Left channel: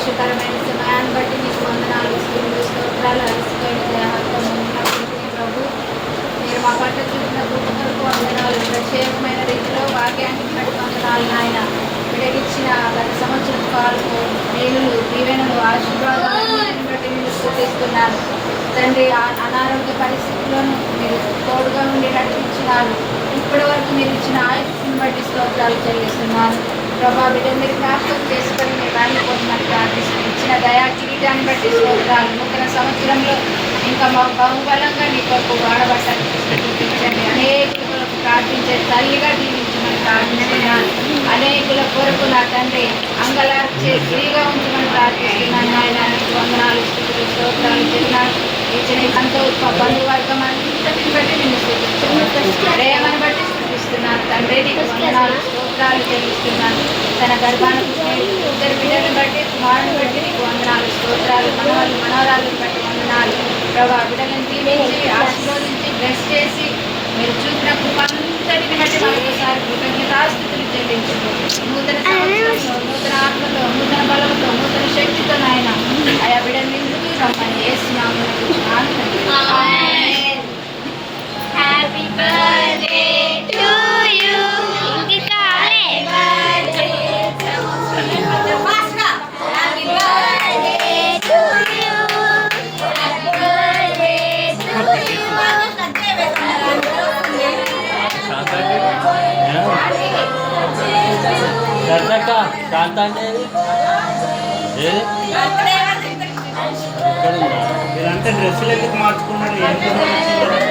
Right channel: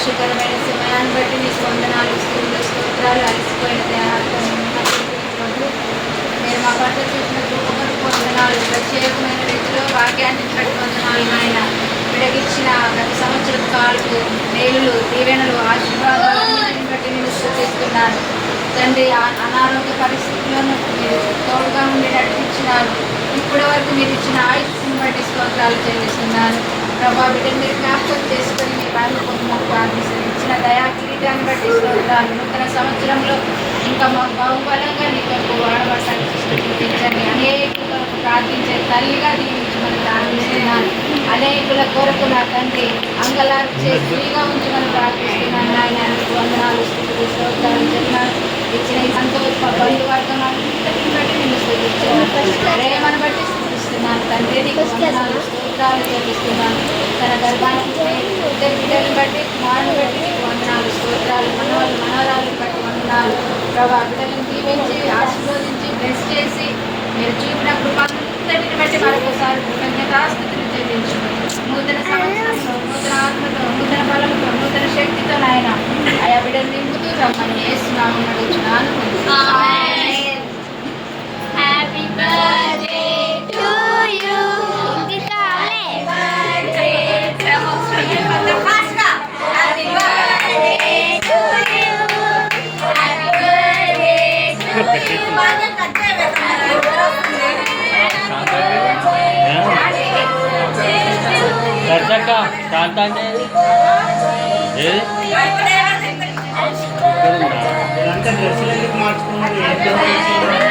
సంతోషకరమైన సమయాన్ని బట్టి మీకు వందనాలు స్తుతులు స్తోత్రాలు అలసిపోయిన దేహాలతో ప్రభు మీరు మా పట్ల చూపిన కృపకు వందనాలు. ప్రత్యేకమైన రీతిలో వాక్యాన్ని వందనాలు నాయన. విడగిచ్చిన గత సంవత్సరం కాలంలో మేలులు దీవెనలు ఆశీర్వాదాలన్నింటిని బట్టి నేను స్తుతిస్తున్నాను తండ్రి. అనారోగ్య పరిస్థితుల్లోనూ మీరు తోడుగా ఉండి నడిపించినారు. ఇప్పటి వరకు మీరు ఇచ్చిన ఆయుష్ని బట్టి స్తోత్రాలు చెల్లిస్తున్నాను ప్రభా. బిడ్డ మీరు జ్ఞాపకం చేసుకొని మీ వారిని పొందమని ప్రార్థిస్తుంది. ఇచ్చిన దయా కిరీటాన్ని బట్టి స్తోత్రాలు. నూతన సంవత్సరంలో ఇంకా మాకు బహుబలంగా నీ కొరకు వాడబట్టాలని చూపించండి. అనేకుల కొరకు ప్రార్థించే తల్లిగా దీవించమని ప్రార్థిస్తున్నాను. అనేకుల కొరకు నా తండ్రి అంగలార్చే స్త్రీగా ఉంచమని ప్రార్థిస్తున్నాను. ఆయన వందనాలు స్థితులు స్తోత్రాలు చెప్తున్నాను. ఇచ్చిన సంతోష బంధువర్గం అంతటిని బట్టి నేను స్థుతిస్తున్నాను. ప్రేమను బట్టి స్థుతిస్తున్నాను తండ్రి. నీకు వందనాలు స్తోత్రాలు చెల్లిస్తున్నాను. తన గర్భాన్ని పుట్టిన ఇద్దరు బిడ్డలను బట్టి కుమారుని బట్టి నీకు వందనాలు స్తోత్రాలు. మనవరాలను బట్టి వందనాలు ప్రభా. బిడ్డలను దీవించి ఆశీర్వదించి బ్లెస్ చేసి మీరు చూపిన కృపంతటిని బట్టి మరొకసారి కృతజ్ఞతాస్తుతులు చెల్లించు. నూతన సంవత్సరంలో నూతన ఆత్మతో నూతన బలంతో నూతన శక్తితో నాయన ఆయా బిడ్డలు నింపుతూ రమ్మని యేసునామమున అడుగుచున్నాను. Happy birthday to you. ఇంకా కావాలే happy birthday to you. Happy birthday to you. దర్శక శాంత అంటే డ్రెస్సులు ఎందుకు మార్చుకున్నారు?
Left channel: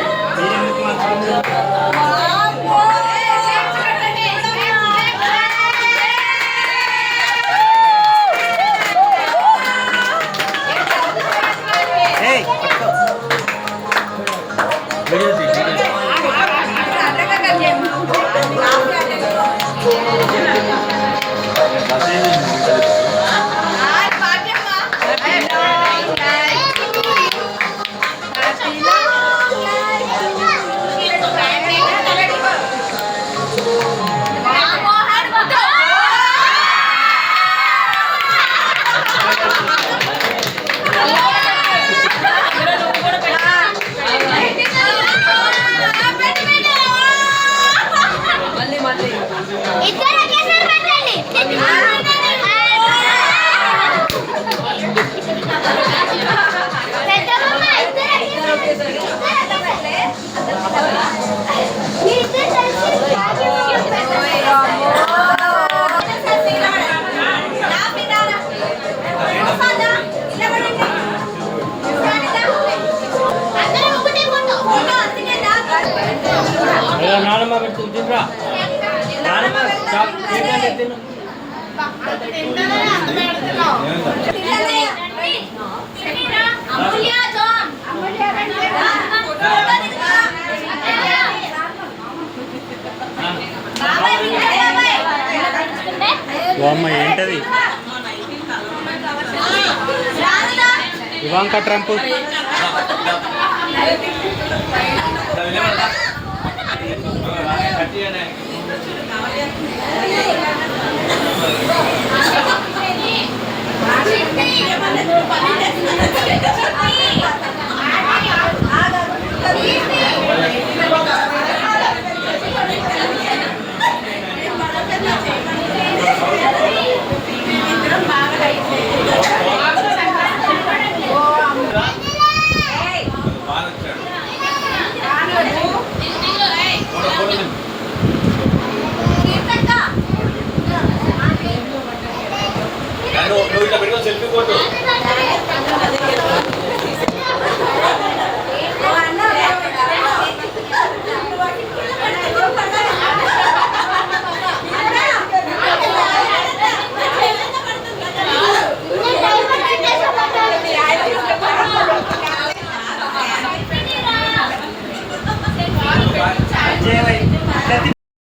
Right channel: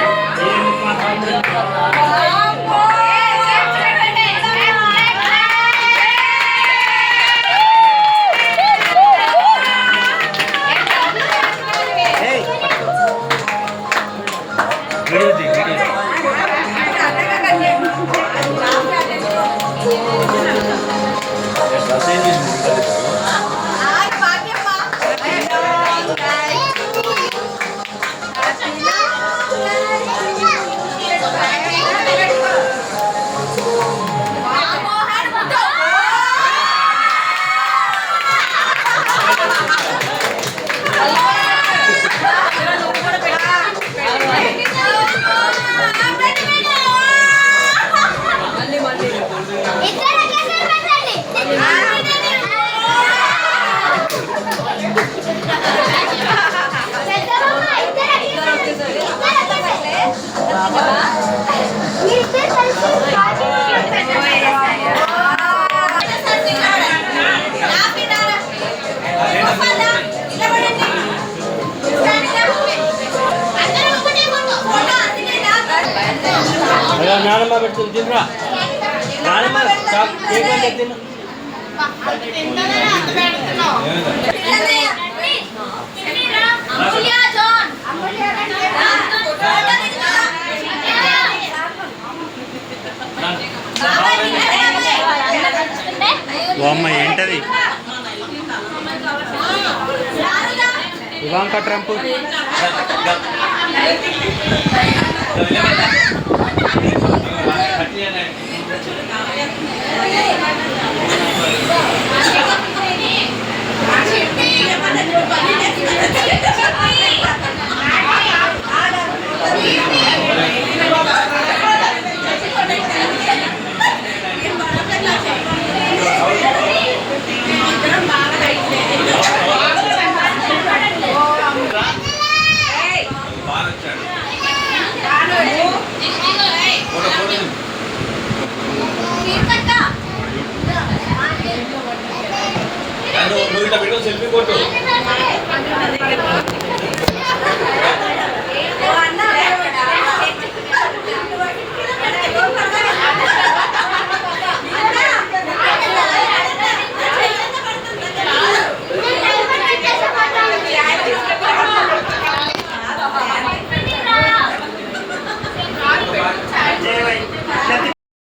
నానమ్మ పెడుతుంది తినరా. నానమ్మ తిను. అమ్మ ఏంటది? Ivanka Trump. బాగా